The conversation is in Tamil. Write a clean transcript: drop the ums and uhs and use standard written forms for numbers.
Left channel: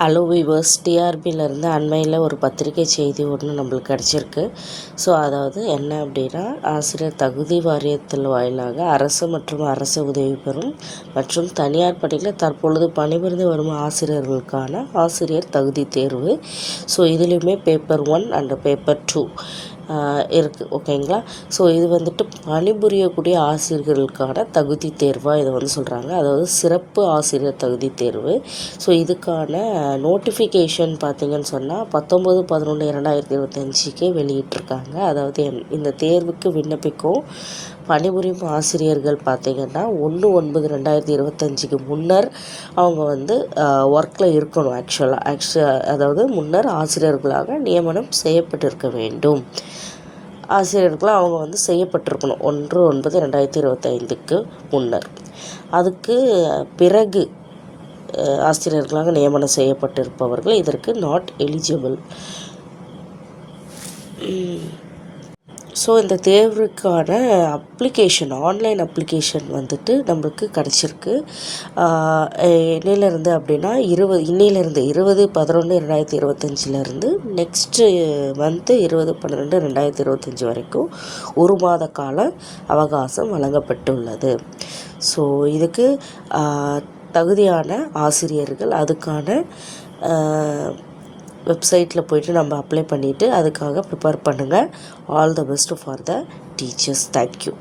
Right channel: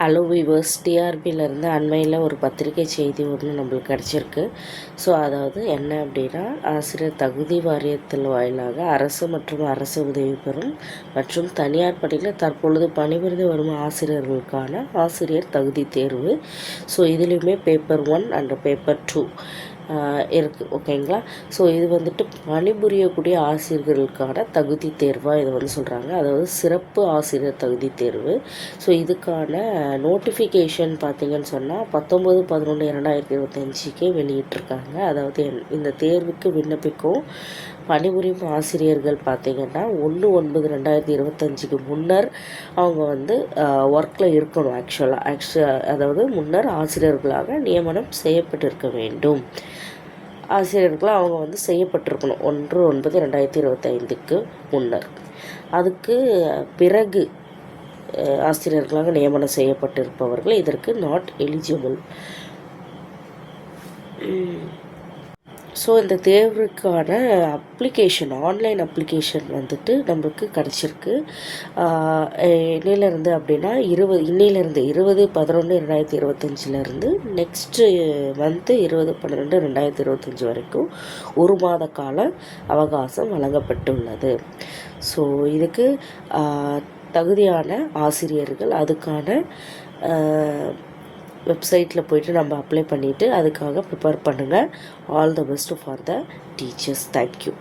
ஹலோ வீவர்ஸ், டிஆர்பியிலேருந்து அண்மையில் ஒரு பத்திரிகை செய்தி ஒன்று நம்மளுக்கு கிடச்சிருக்கு. ஸோ அதாவது என்ன அப்படின்னா, ஆசிரியர் தகுதி வாரியத்தில் வாயிலாக அரசு மற்றும் அரசு உதவி பெறும் மற்றும் தனியார் பள்ளிகளில் தற்பொழுது பணிபுரிந்து வரும் ஆசிரியர்களுக்கான ஆசிரியர் தகுதி தேர்வு. ஸோ இதுலேயுமே பேப்பர் 1 அண்ட் பேப்பர் 2 இருக்குது. ஓகேங்களா? ஸோ இது வந்துட்டு பணிபுரியக்கூடிய ஆசிரியர்களுக்கான தகுதி தேர்வாக இதை வந்து சொல்கிறாங்க. அதாவது சிறப்பு ஆசிரியர் தகுதி தேர்வு. ஸோ இதுக்கான நோட்டிஃபிகேஷன் பார்த்திங்கன்னு சொன்னால் 19/11/2025 வெளியிட்டிருக்காங்க. அதாவது இந்த தேர்வுக்கு விண்ணப்பிக்கும் பணிபுரியும் ஆசிரியர்கள் பார்த்திங்கன்னா 1/9/2025 முன்னர் அவங்க வந்து ஒர்க்கில் இருக்கணும். அதாவது முன்னர் ஆசிரியர்களாக நியமனம் செய்யப்பட்டிருக்க வேண்டும். ஆசிரியர்களாக அவங்க வந்து செய்யப்பட்டிருக்கணும் 1/9/2025 முன்னர். அதுக்கு பிறகு ஆசிரியர்களாக நியமனம் செய்யப்பட்டிருப்பவர்கள் இதற்கு நாட் எலிஜிபிள். ஸோ இந்த தேர்வுக்கான அப்ளிகேஷன், ஆன்லைன் அப்ளிகேஷன் வந்துட்டு நம்மளுக்கு கிடச்சிருக்கு. இன்னிலேருந்து அப்படின்னா 20/11/2025 நெக்ஸ்ட்டு மந்த்து 20/12/2025 வரைக்கும் 1 மாத கால அவகாசம் வழங்கப்பட்டுள்ளது. ஸோ இதுக்கு தகுதியான ஆசிரியர்கள் அதுக்கான வெப்சைட்டில் போய்ட்டு நம்ம அப்ளை பண்ணிவிட்டு அதுக்காக ப்ரிப்பேர் பண்ணுங்கள். All the best for the teachers. Thank you.